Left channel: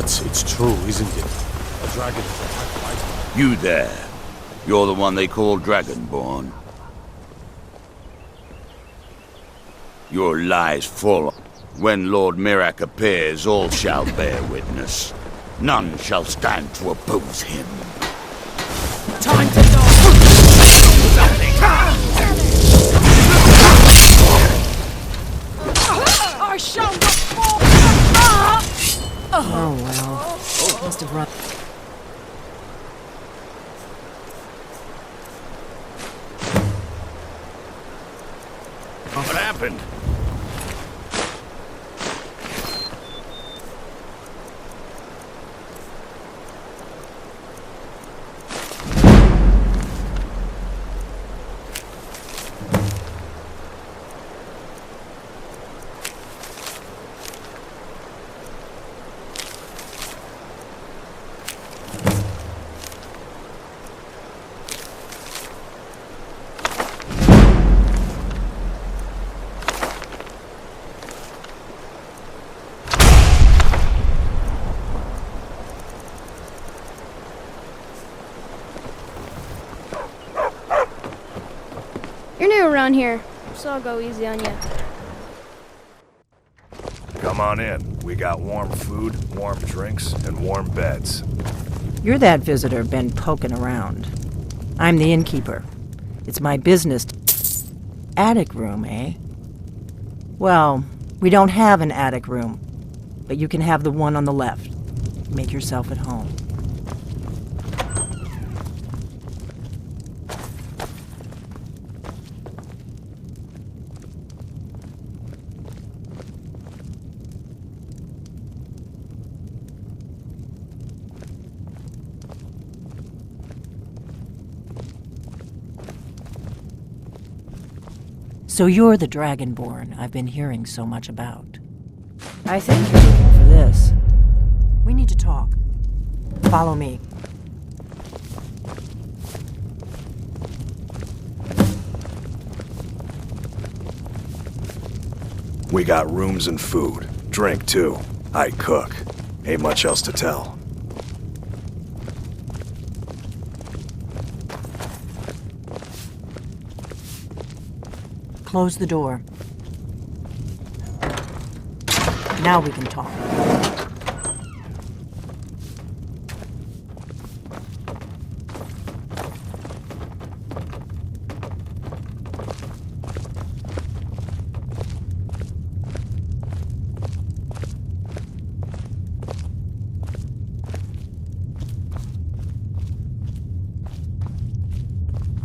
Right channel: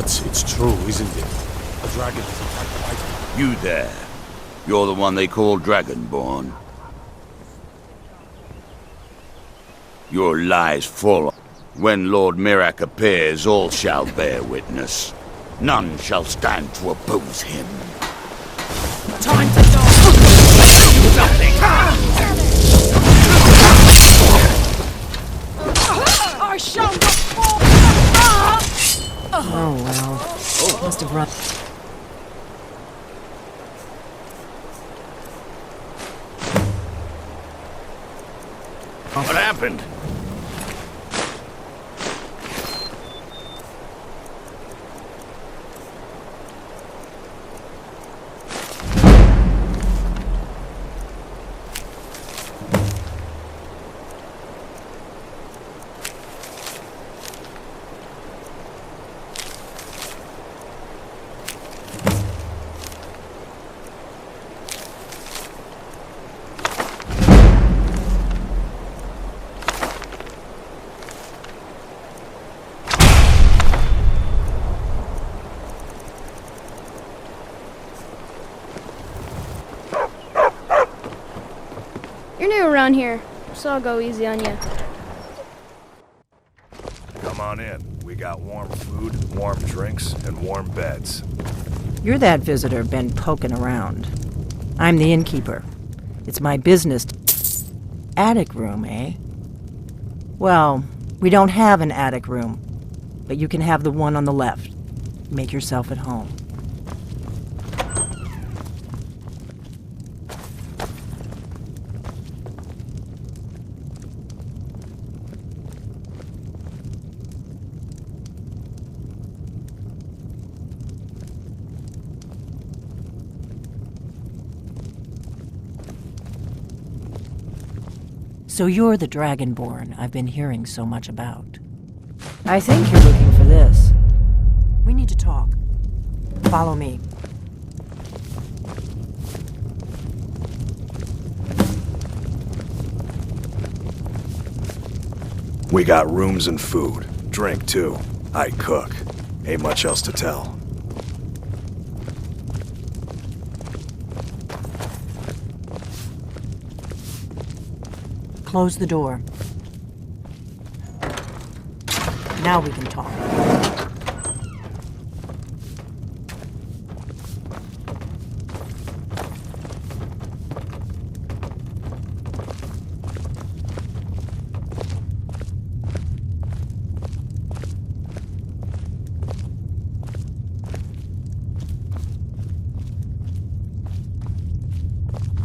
But it's true, isn't it? A dragon has attacked White. You there. You're the one they call Dragonborn. Your lie's full. When Lord Mirak appears, all shall bear witness. None shall stand to oppose him. Time to die! Do something! I shall not fall! Oh, well. Must have run. What happened? You're new around here, so I'll go easy on you. Come on in. We got warm food, warm drinks, and warm beds. You're that visitor been poking around. I'm the innkeeper. It's my business. Attic room, eh? Well, we don't have an attic room, but you can have the one on the left. Make yourself at home. So you're the Dragonborn I've been hearing so much about. I think you're looking for this. We need to talk. Follow me. We got rooms and food. Drink, too. I cook. Ain't much else to tell. Close the door. Now we can talk.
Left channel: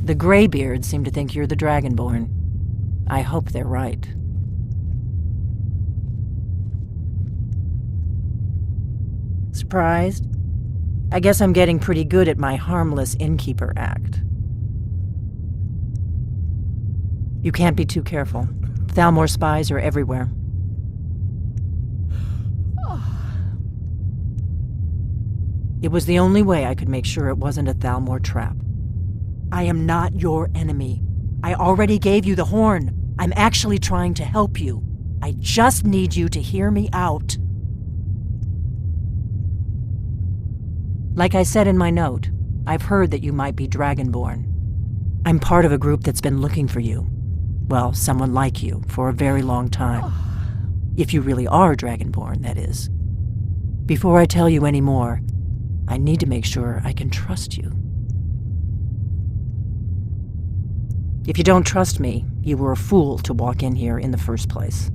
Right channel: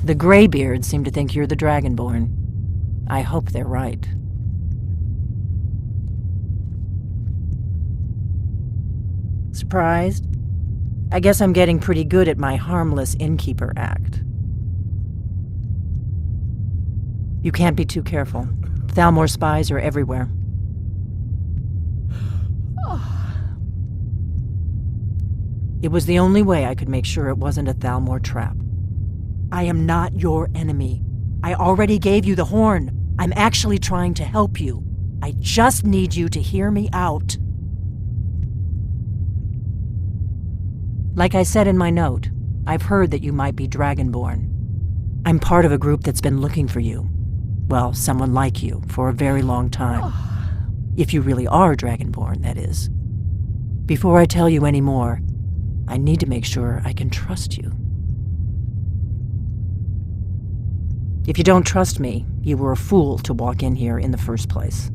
The Greybeards seem to think you're the Dragonborn. I hope they're right. Surprised? I guess I'm getting pretty good at my harmless innkeeper act. You can't be too careful. Thalmor spies are everywhere. It was the only way I could make sure it wasn't a Thalmor trap. I am not your enemy. I already gave you the horn. I'm actually trying to help you. I just need you to hear me out. Like I said in my note, I've heard that you might be Dragonborn. I'm part of a group that's been looking for you. Well, someone like you, for a very long time. If you really are Dragonborn, that is. Before I tell you any more, I need to make sure I can trust you. If you don't trust me, you were a fool to walk in here in the first place.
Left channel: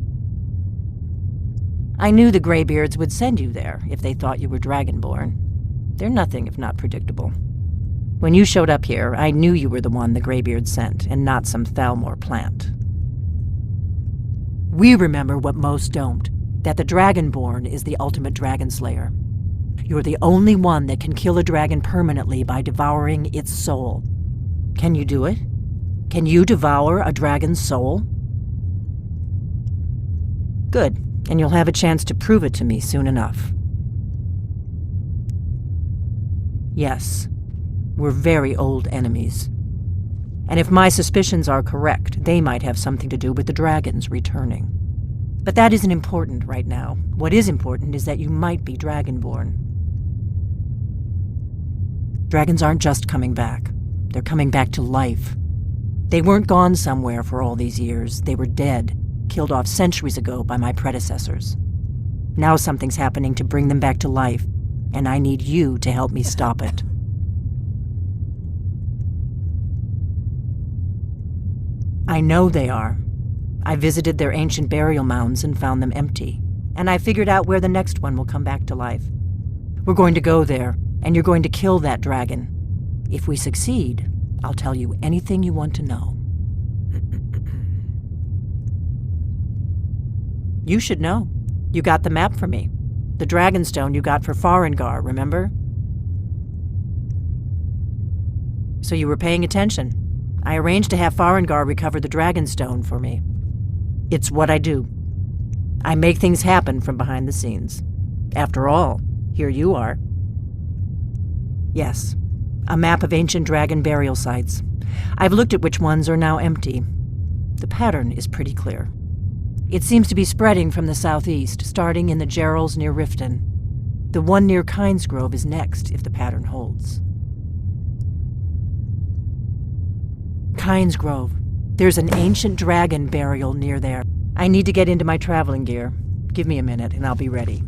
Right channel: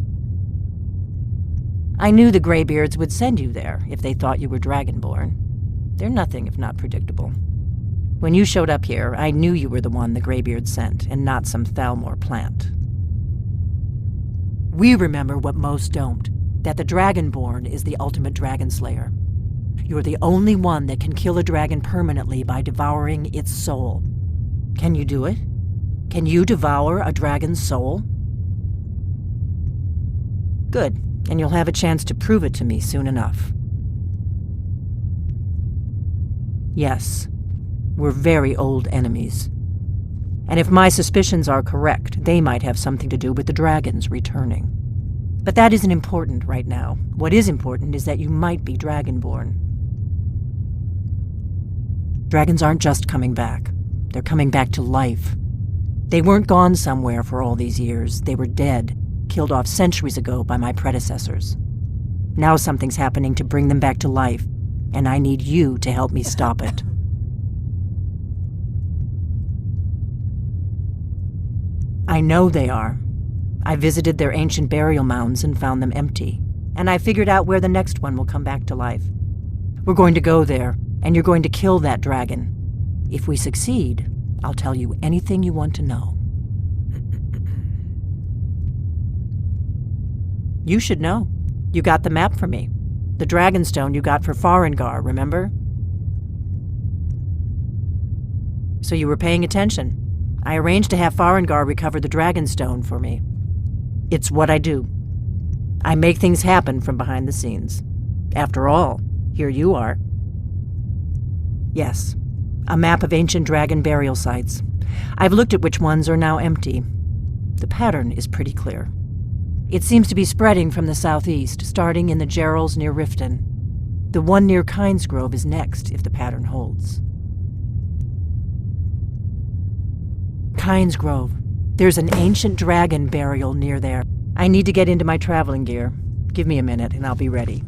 I knew the Greybeards would send you there if they thought you were Dragonborn. They're nothing if not predictable. When you showed up here, I knew you were the one the Greybeards sent, and not some Thalmor plant. We remember what most don't, that the Dragonborn is the ultimate dragon slayer. You're the only one that can kill a dragon permanently by devouring its soul. Can you do it? Can you devour a dragon's soul? Good, and you'll have a chance to prove it to me soon enough. Yes, we're very old enemies. And if my suspicions are correct, they might have something to do with the dragons returning. But that isn't important right now. What is important is that you might be Dragonborn. Dragons aren't just coming back. They're coming back to life. They weren't gone somewhere for all these years. They were dead, killed off centuries ago by my predecessors. Now something's happening to bring them back to life, and I need you to help me stop it. I know they are. I visited their ancient burial mounds and found them empty, and I figured out where the next one will come back to life. We're going to go there, and you're going to kill that dragon. If we succeed, I'll tell you anything you want to know. You should know. You got the map for me. The Dragonstone you got for Farengar, remember? So you were paying attention. I arranged to have Farengar recover the Dragonstone for me. It's what I do. I make things happen from behind the scenes. After all, here you are. Yes, a map of ancient dragon burial sites. I've looked at which ones are now empty. The pattern is pretty clear. It seems to be spreading from the southeast, starting in the Gerals near Riften. The one near Kynesgrove is next, if the pattern holds. Kynesgrove. There's an ancient dragon burial near there. I need to get into my traveling gear. Give me a minute and I'll be ready.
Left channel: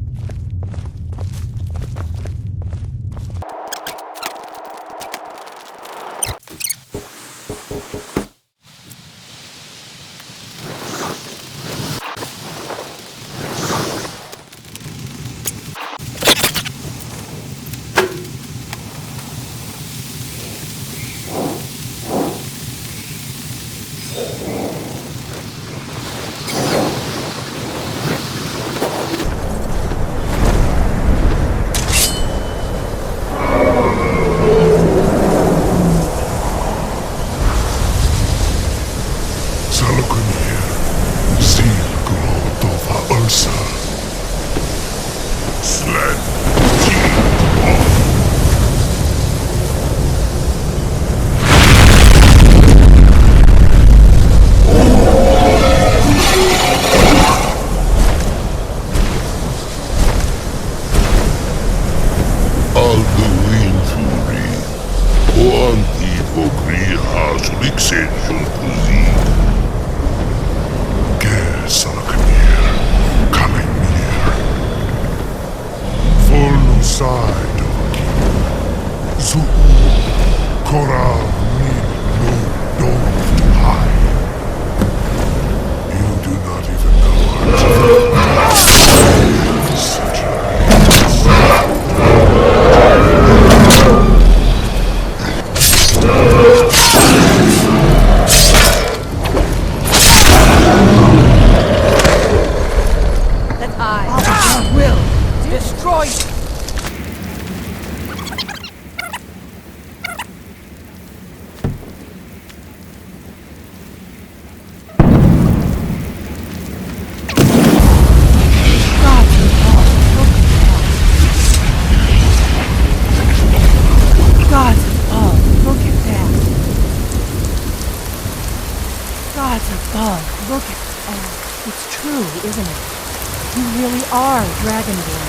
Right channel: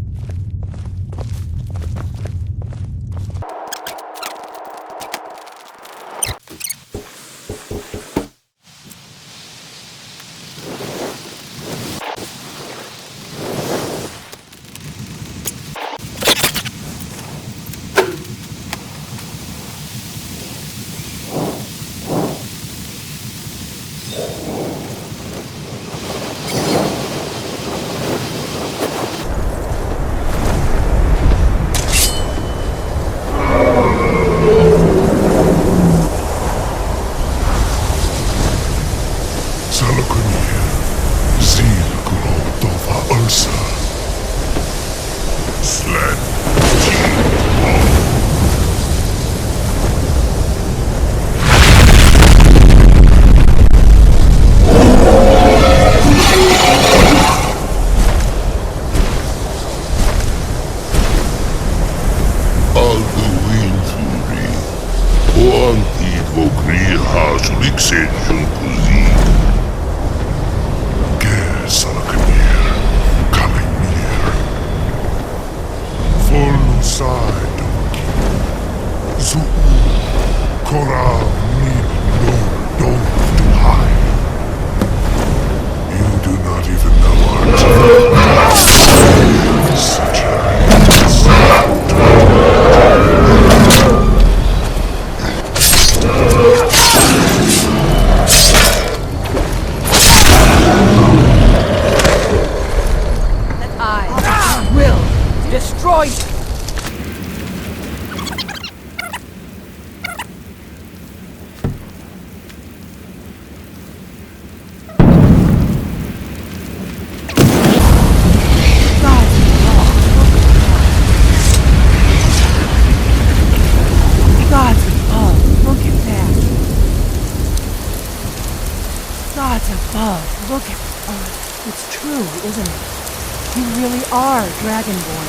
Dragonborn.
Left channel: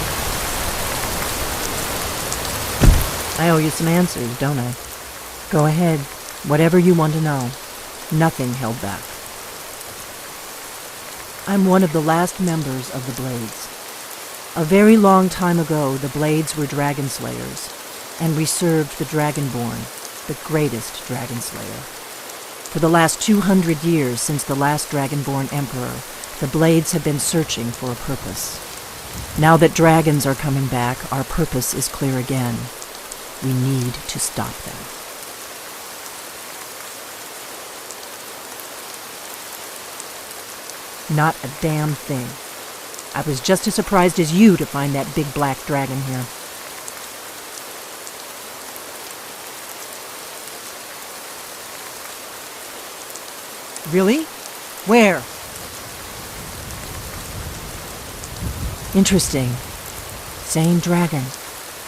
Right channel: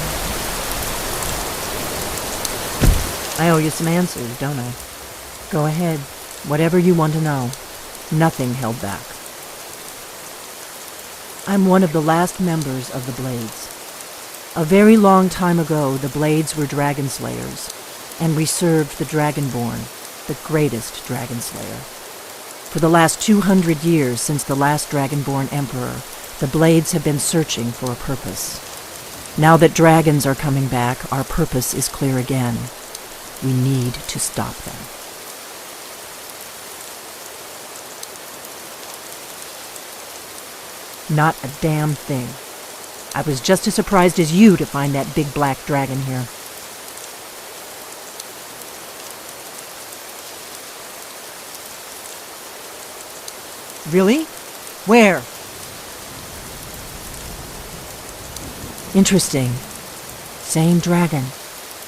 I owe you some answers, don't I? Go ahead. Whatever you want to know. Nothing held back. I'm one of the last members of the Blades. A very long time ago, the Blades were dragon slayers, and we served the Dragonborn, the greatest dragon slayer. For the last 200 years since the last Dragonborn Emperor, the Blades have been searching for a purpose. Now that dragons are coming back, our purpose is clear again. We need to stop them. Not a damn thing. I was just as surprised as you to find that big black dragon here. Really? Where? Interesting. Same dragon.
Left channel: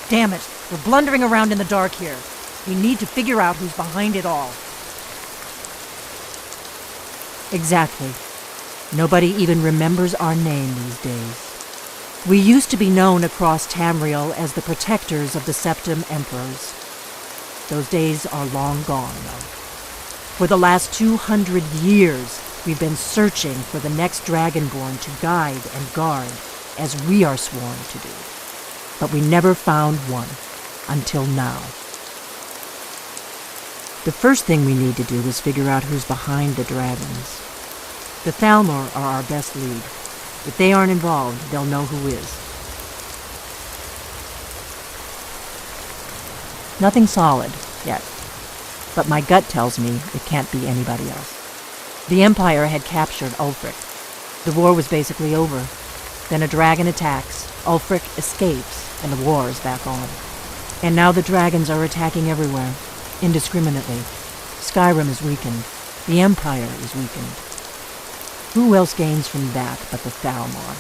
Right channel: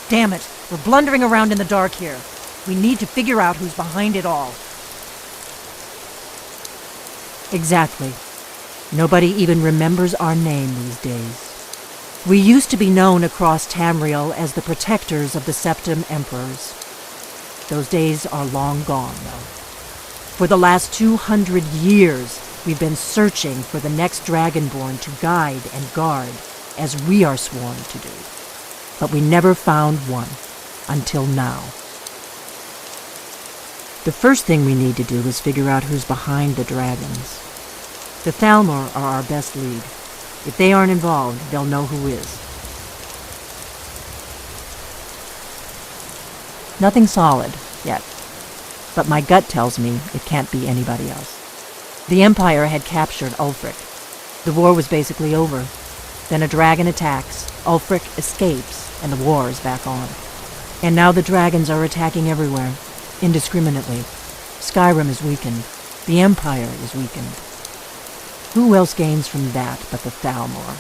Damn it, we're blundering around in the dark here. We need to figure out who's behind it all. Exactly. Nobody even remembers our name these days. We used to be known across Tamriel as the protectors of the Septim Emperors. Those days are long gone, though. For the last 200 years, we've been searching for the next Dragonborn to guide and guard, as we are sworn to do. But we never found one, until now. The first thing we need to do is figure out who's behind the dragons. The Thalmor are our best lead. If they aren't involved, they'll know who is. Nothing solid, yet. But my gut tells me it can't be anybody else. The Empire had captured Ulfric. The war was basically over. Then a dragon attacks, Ulfric escapes, and the war is back on. And now the dragons are attacking everywhere, indiscriminately. Skyrim is weakened. The Empire is weakened. Who else gains from that but the Thalmor?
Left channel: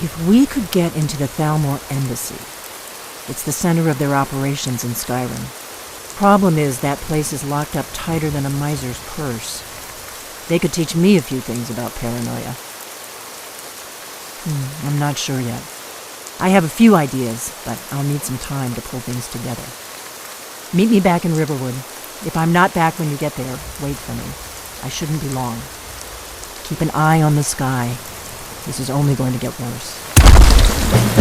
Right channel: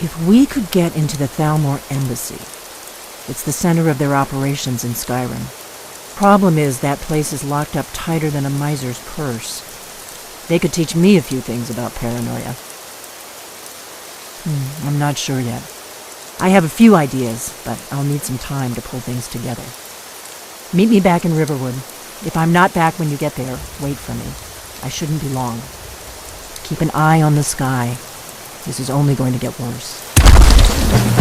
If we could get into the Thalmor embassy, it's the center of their operations in Skyrim. Problem is, that place is locked up tighter than a miser's purse. They could teach me a few things about paranoia. I'm not sure yet. I have a few ideas, but I'll need some time to pull things together. Meet me back in Riverwood. If I'm not back when you get there, wait for me. I shouldn't be long. Keep an eye on the sky. This is only going to get worse.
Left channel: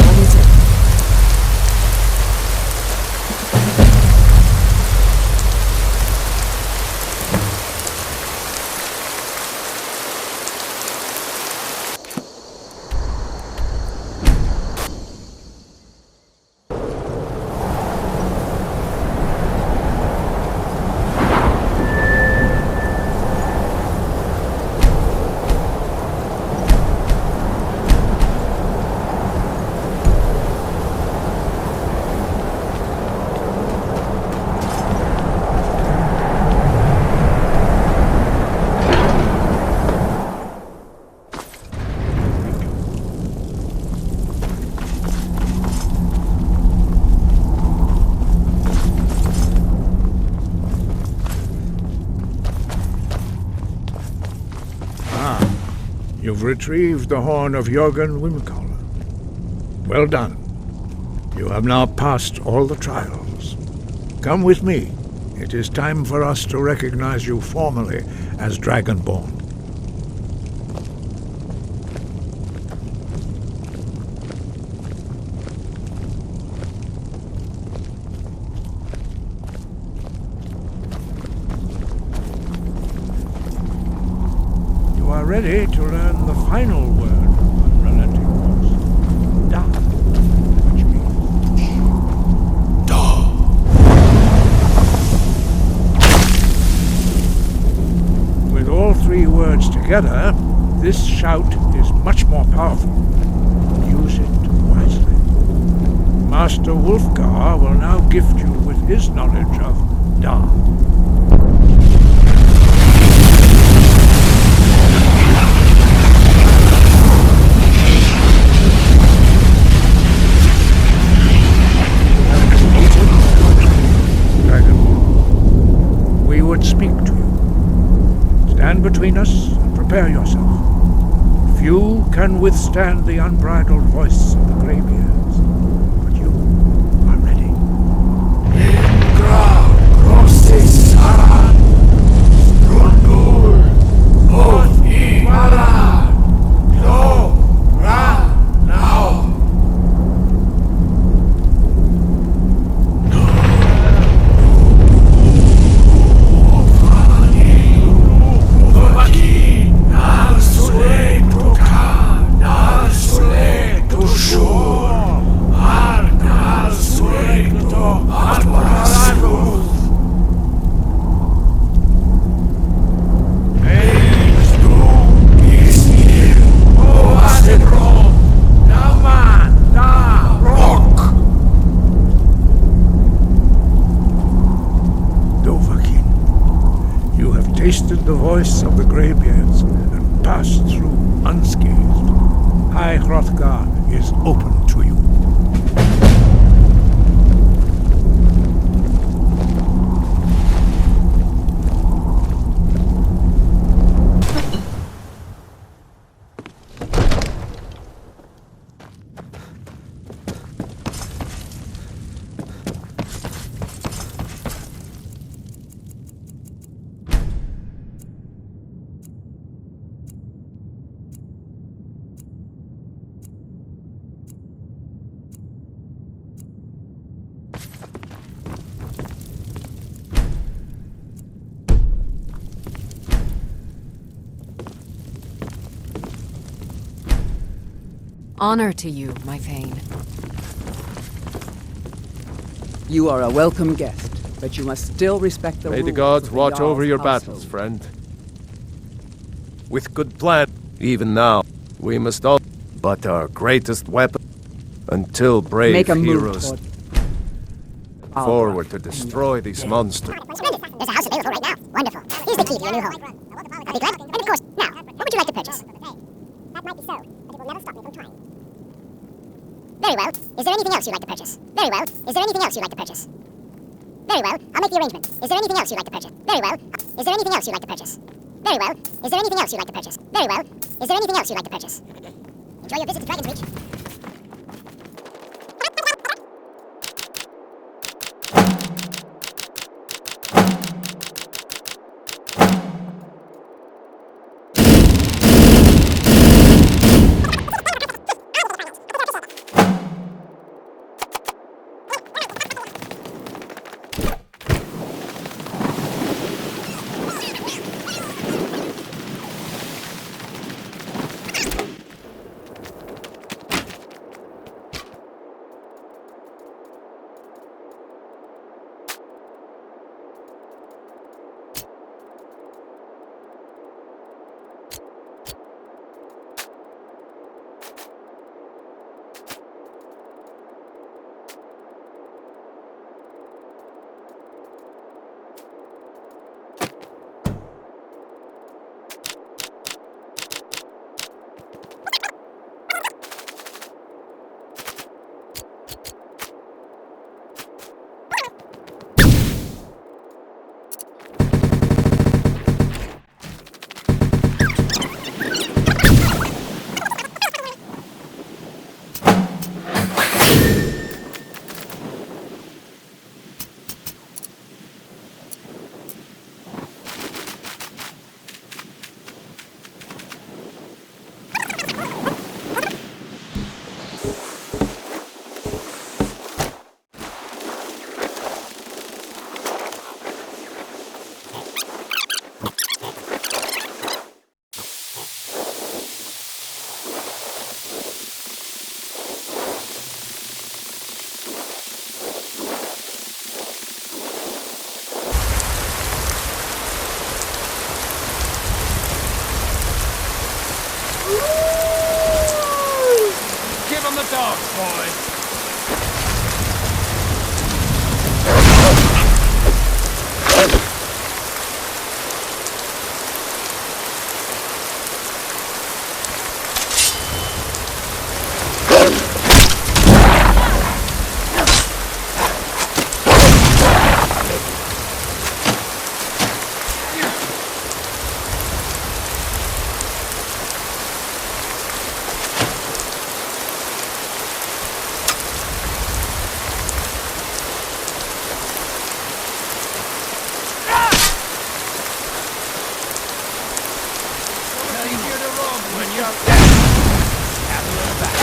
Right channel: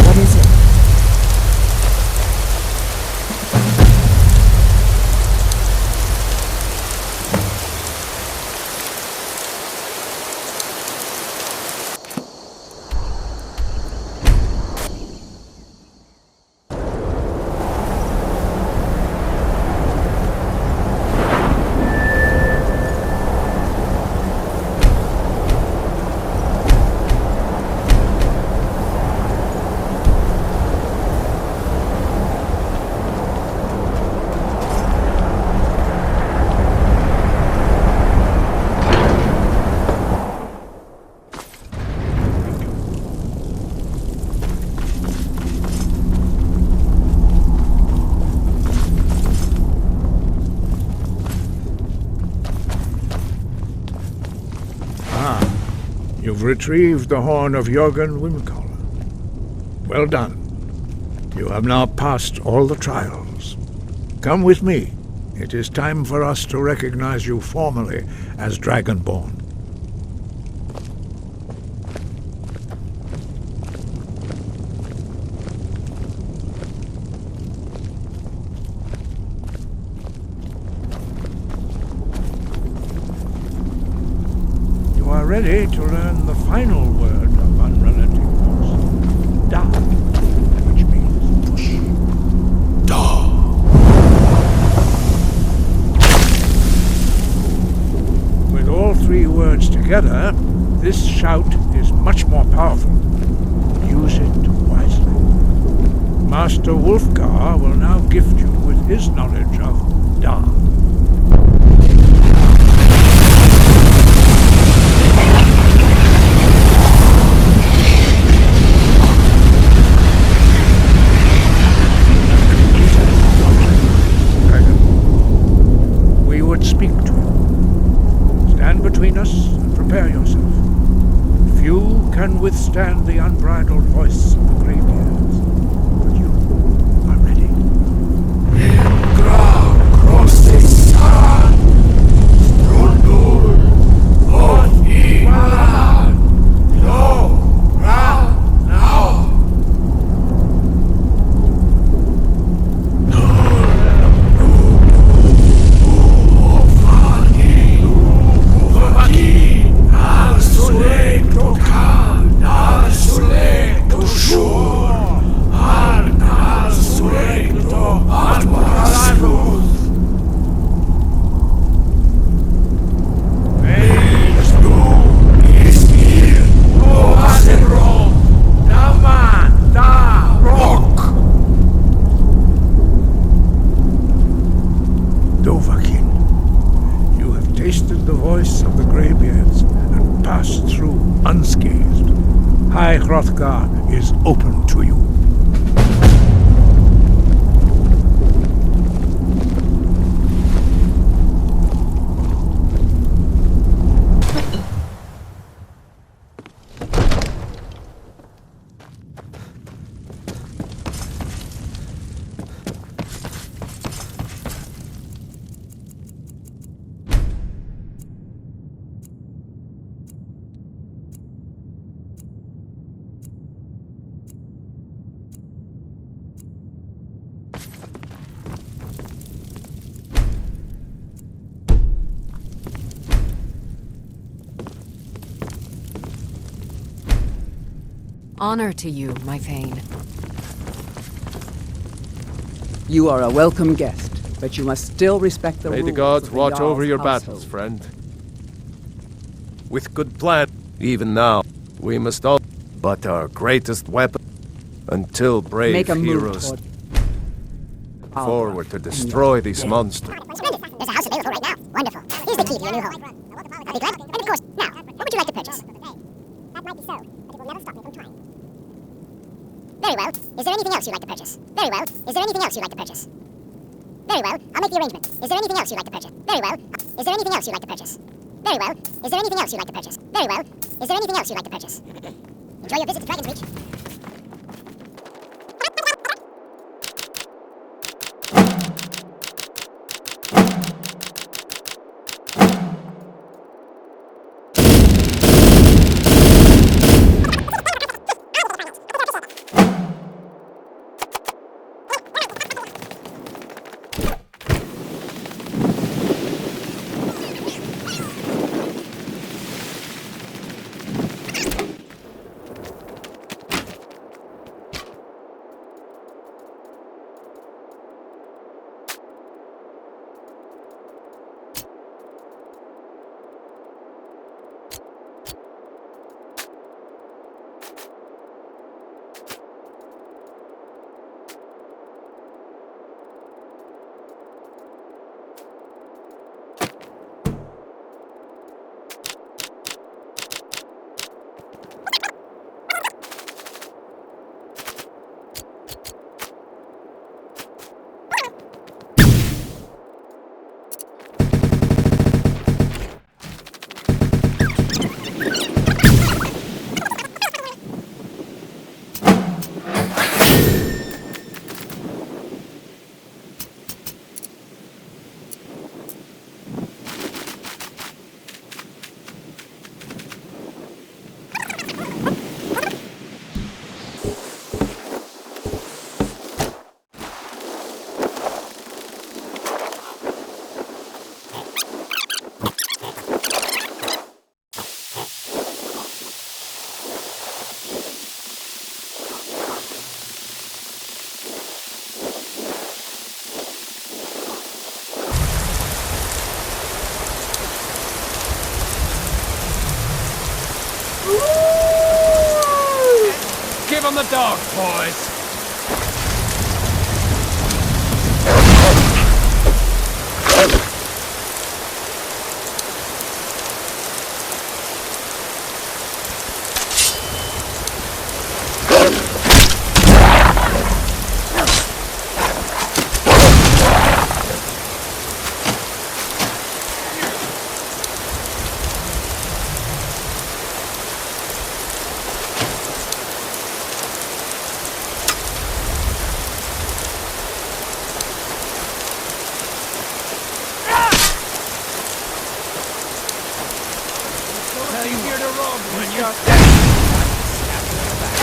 What is it? You've retrieved the horn of Jörgen Wimcaller. Well done. You have now passed all the trials. Come with me. It is time for us to recognize you formally as Dragonborn. You are ready to learn the final word of unrelenting force. Da, which means push. Da. With all three words together, this shout is much more powerful. Use it wisely. Master Wulfgar will now gift you with his knowledge of Da. Speak to you. Stand between us and prepare yourself. Few can withstand the unbridled voice of the Greybeards, but you are ready. Ingra Grossesaran Strundul Od Imaran No Ra Now. Tasted the voice of the Greybeards and passed through unscathed. High Hrothgar is open to you. Honor to you, my Thane. You are a welcome guest, but you must still respect the rules. May the gods of watch Jarl's over your household. battles, friend. With good plan, Even now, we must all... But our greatest weapon, until brave Make a move heroes toward forward to destroy these monsters. Splendid. There's a house available right now. Wonderful. Here's the key to your new home. I'll be glad. And of course, now, what would you like to purchase? That might be so, but it will never stop me from trying. Very well. Is there anything else you'd like to purchase? Very well. Is there anything else you'd like to purchase? Very well. I'll make the arrangement. Is there anything else you'd like to purchase? Very well. Is there anything else you'd like to purchase? Very well. Is there anything else you'd like to purchase? Very well. Is there anything else you'd like to purchase? Enjoy your visit to Dragon's Reach. Give them the dogs, boys! Easier to rob when you're stab you in the back.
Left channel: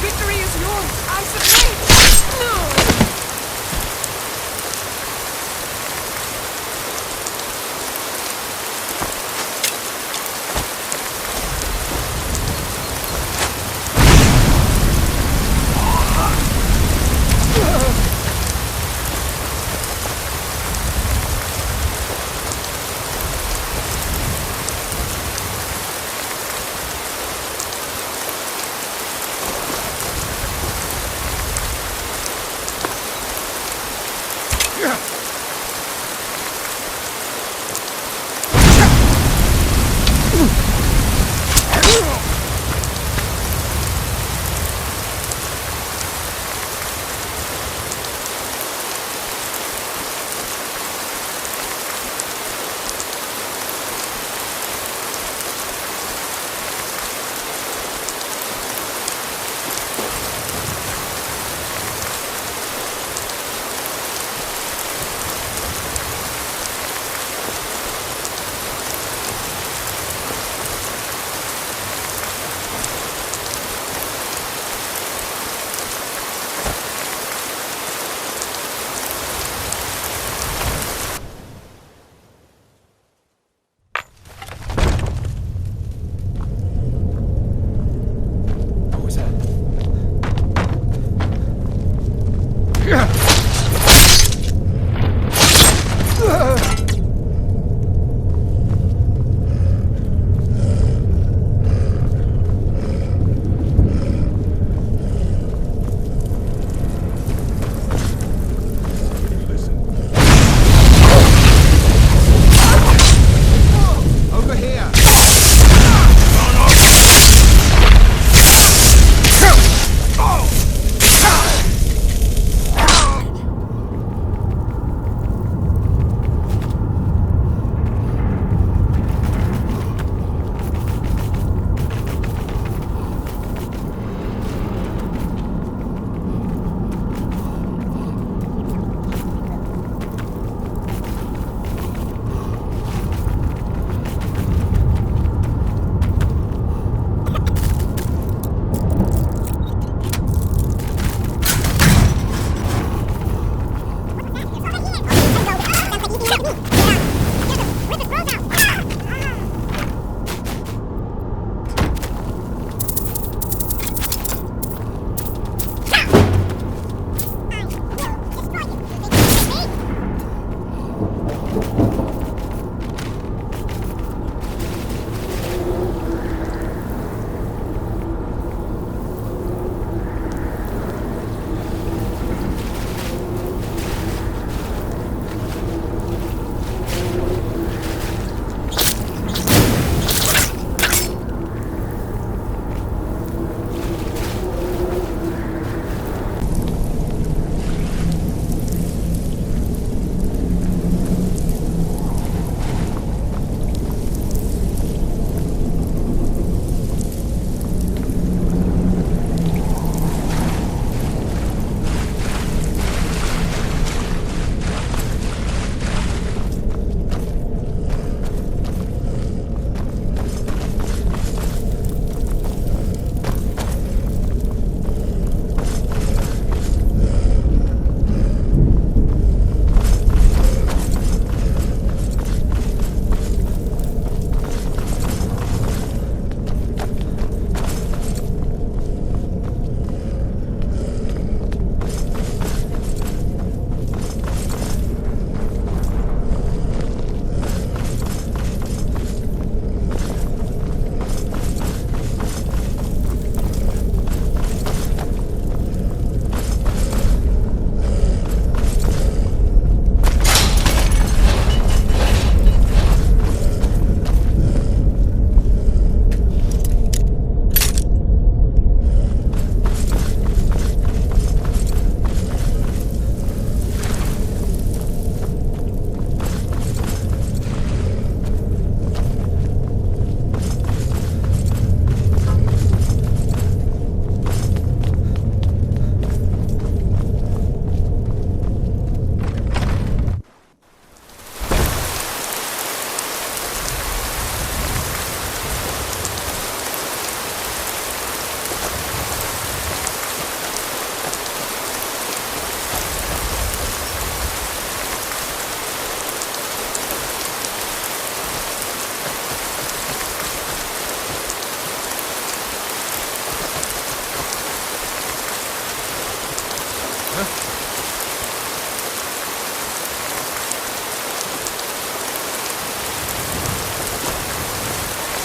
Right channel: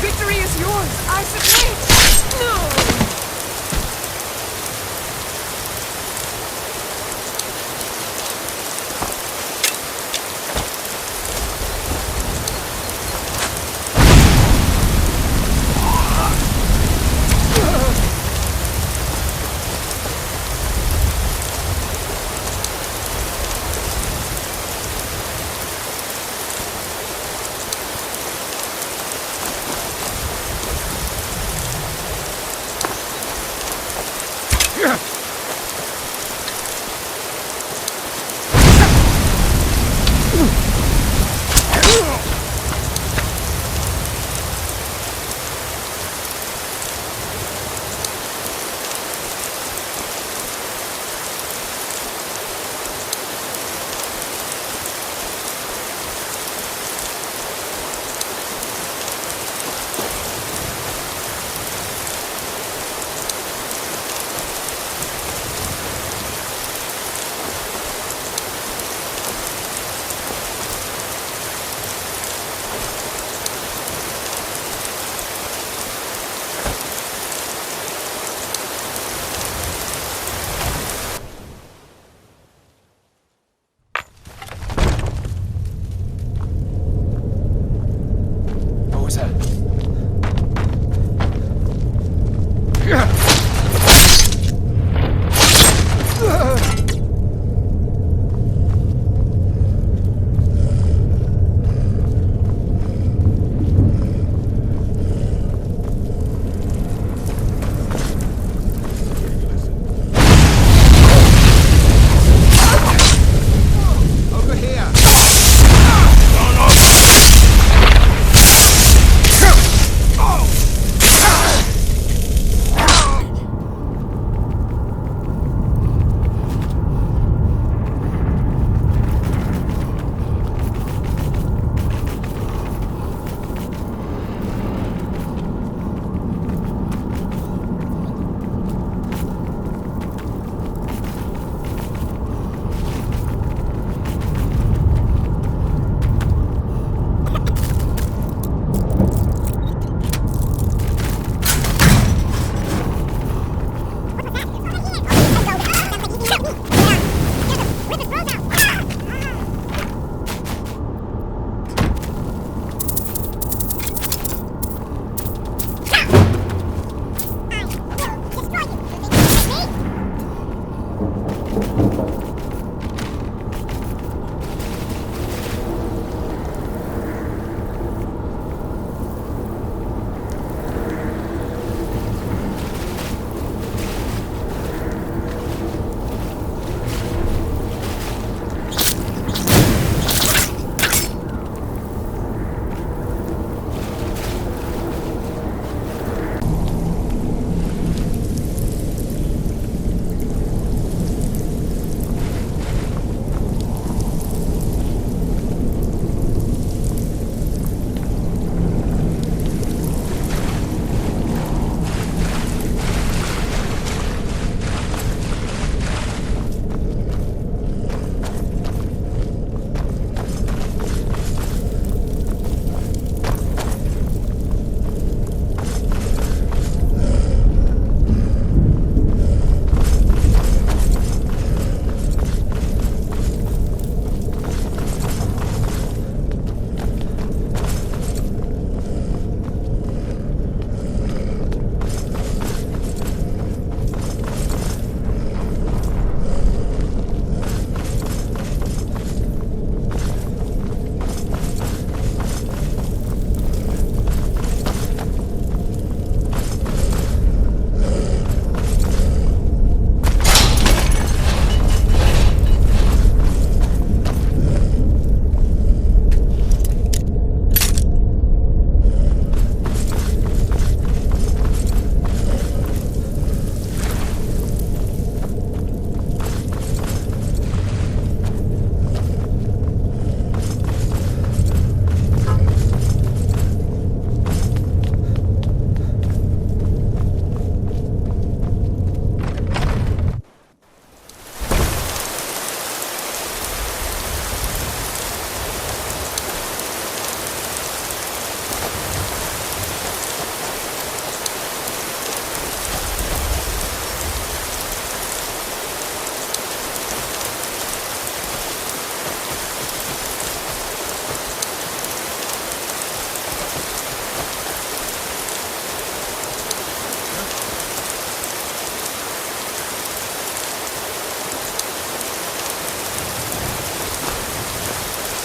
Victory is yours! I submit! No! What was that? Over here!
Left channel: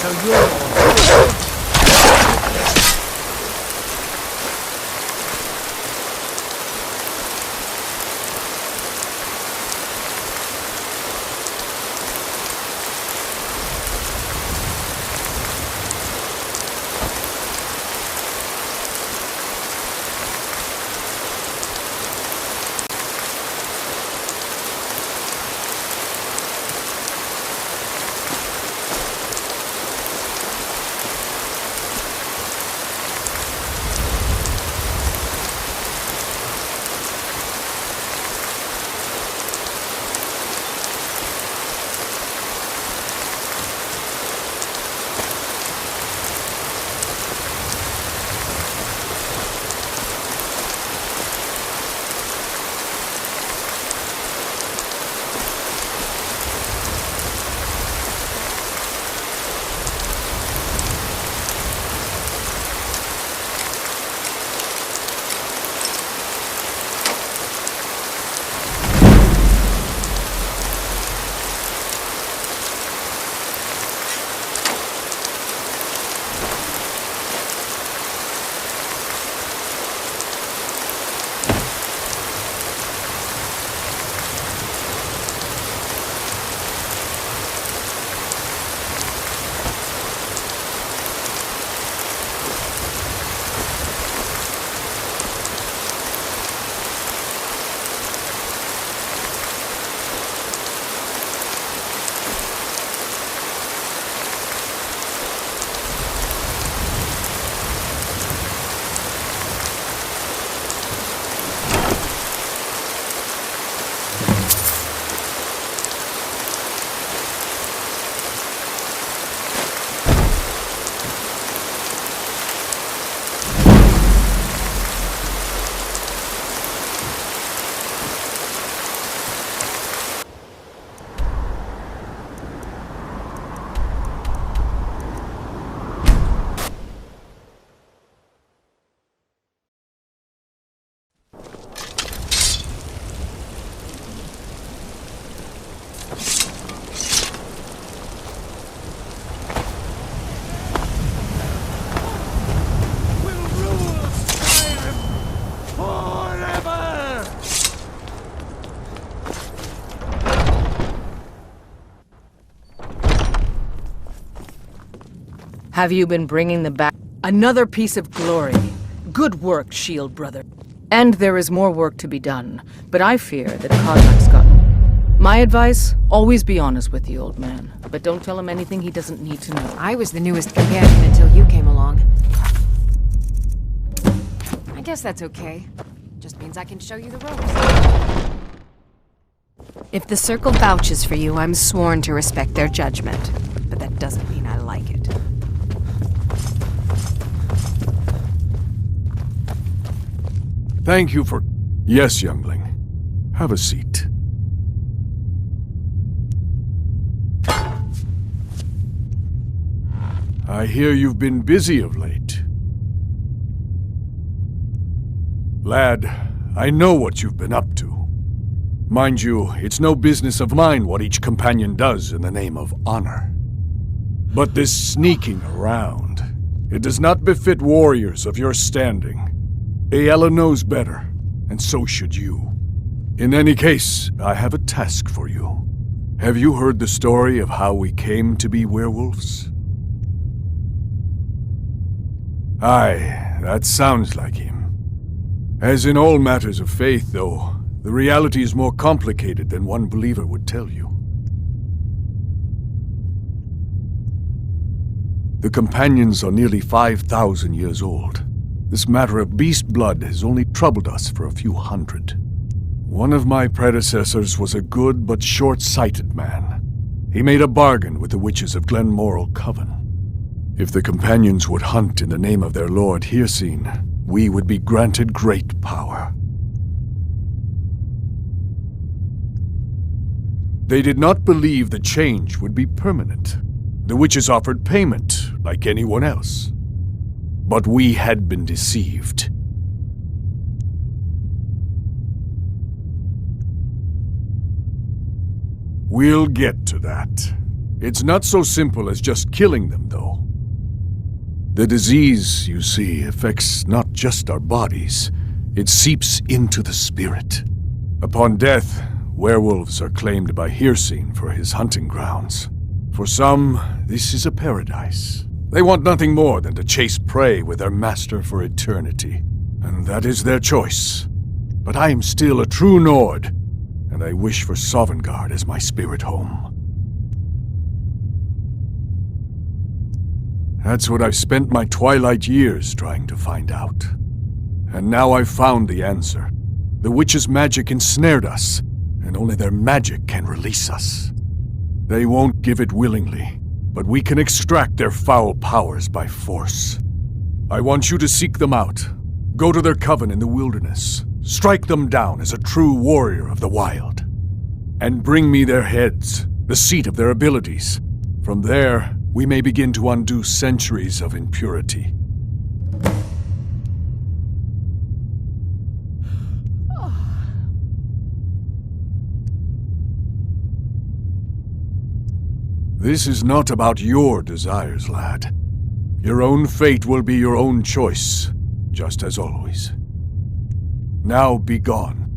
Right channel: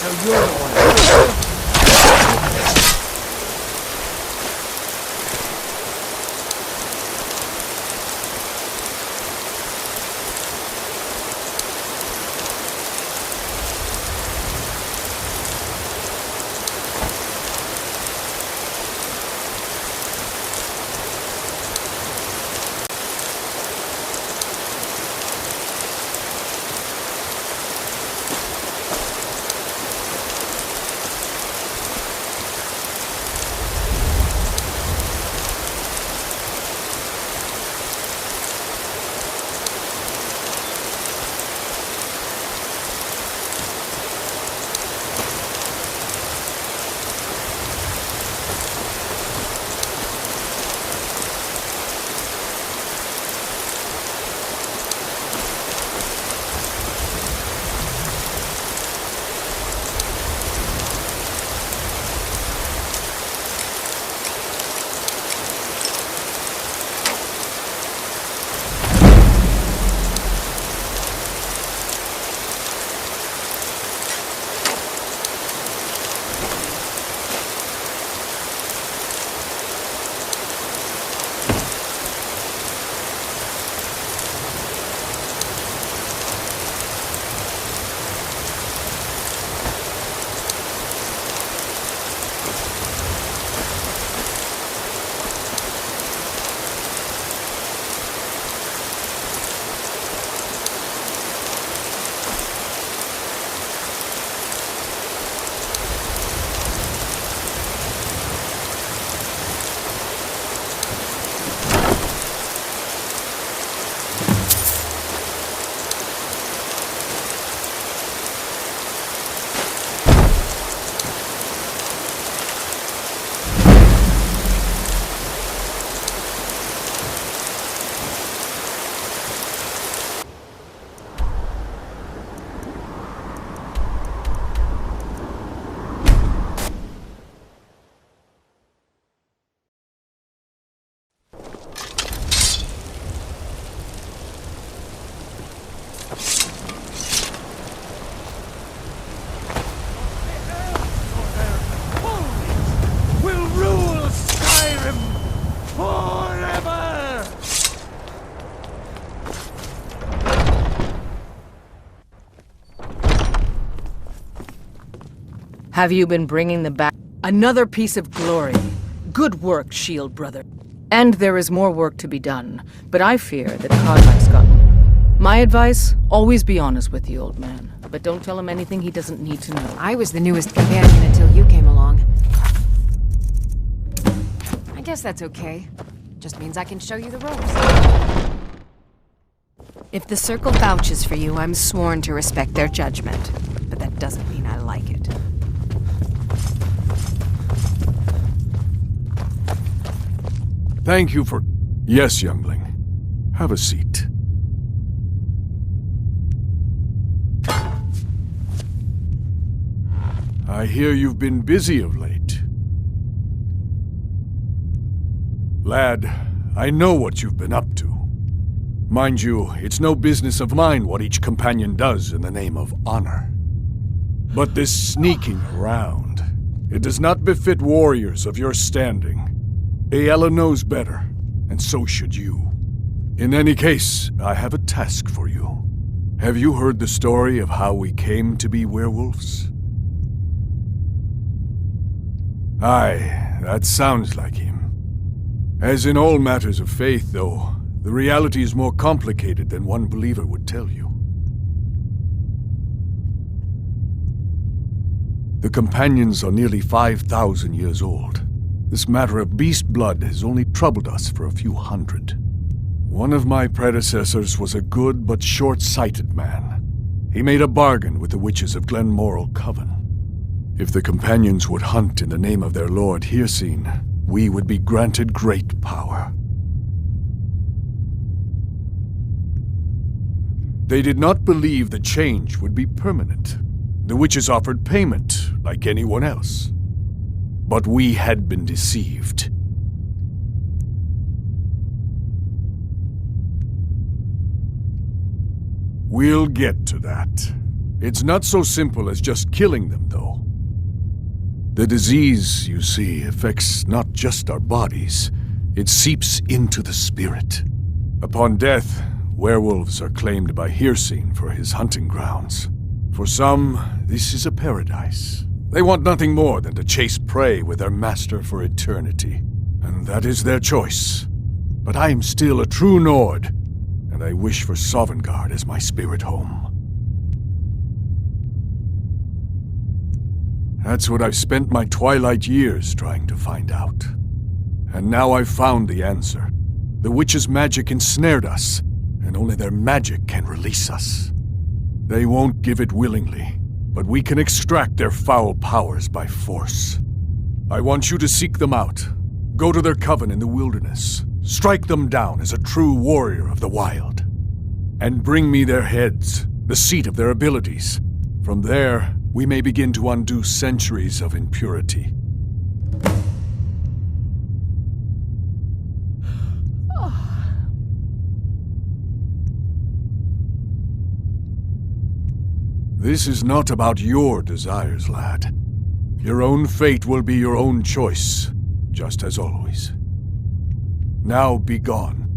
So you're the one. Have you been bringing the back? Another piece of glory. Good work, Shield Brother. And there is more work to be done, but I fear that Kodlak's gotten. My advice, always be honest with the old man, but don't tell him anything he doesn't need to know. I was the newest companion until you came along. I guess that's okay. Just means I can show you the ropes. If the Circle vouches for you, I'm sworn to respect their judgment. But that doesn't mean I like it. Thank you for... Yes, youngling. Have a seat. I hear you've been busy of late. Lad, I know what you've been up to. Mind you, it's no business of mine what each companion does in the name of honor. But this sneaking around, it does not befit warriors of your standing. Aella knows better, and so should you. In any case, I have a task for you. Have you heard the story of how we came to be werewolves? Aye, that sounds like him. As in all matters of faith, though, the reality is more complicated than one believer would tell you. The companions are nearly 5,000 years old. This matter of beast blood has only troubled us for a few hundred. One of my predecessors was a good but short-sighted man. He made a bargain with the witches of Glenmoral Coven. If the companions would hunt in the name of their lord Hircine, we would be granted great power. They did not believe the change would be permanent. The witches offered payment, like anyone else. But we had been deceived. We'll get to that. It's not so simple as just killing them, though. The disease, you see, affects not just our bodies. It seeps into the spirit. Upon death, werewolves are claimed by Hircine for his hunting grounds. For some, this is a paradise. They want nothing more than to chase prey with their master for eternity. And that is their choice. But I am still a true Nord, and I wish for Sovngarde as my spirit home. That's what I've spent my twilight years trying to find out. And now I've found the answer. The witches' magic ensnared us, and only their magic can release us. They won't give it willingly, but we can extract their foul powers by force. I want you to seek them out. Go to their coven in the wilderness. Strike them down as a true warrior of the wild. And bring me their heads, the seat of their abilities. From there, we may begin to undo centuries of impurity. This is not about your desires, lad. Your own fate will be your own choice, just as always. Now be gone.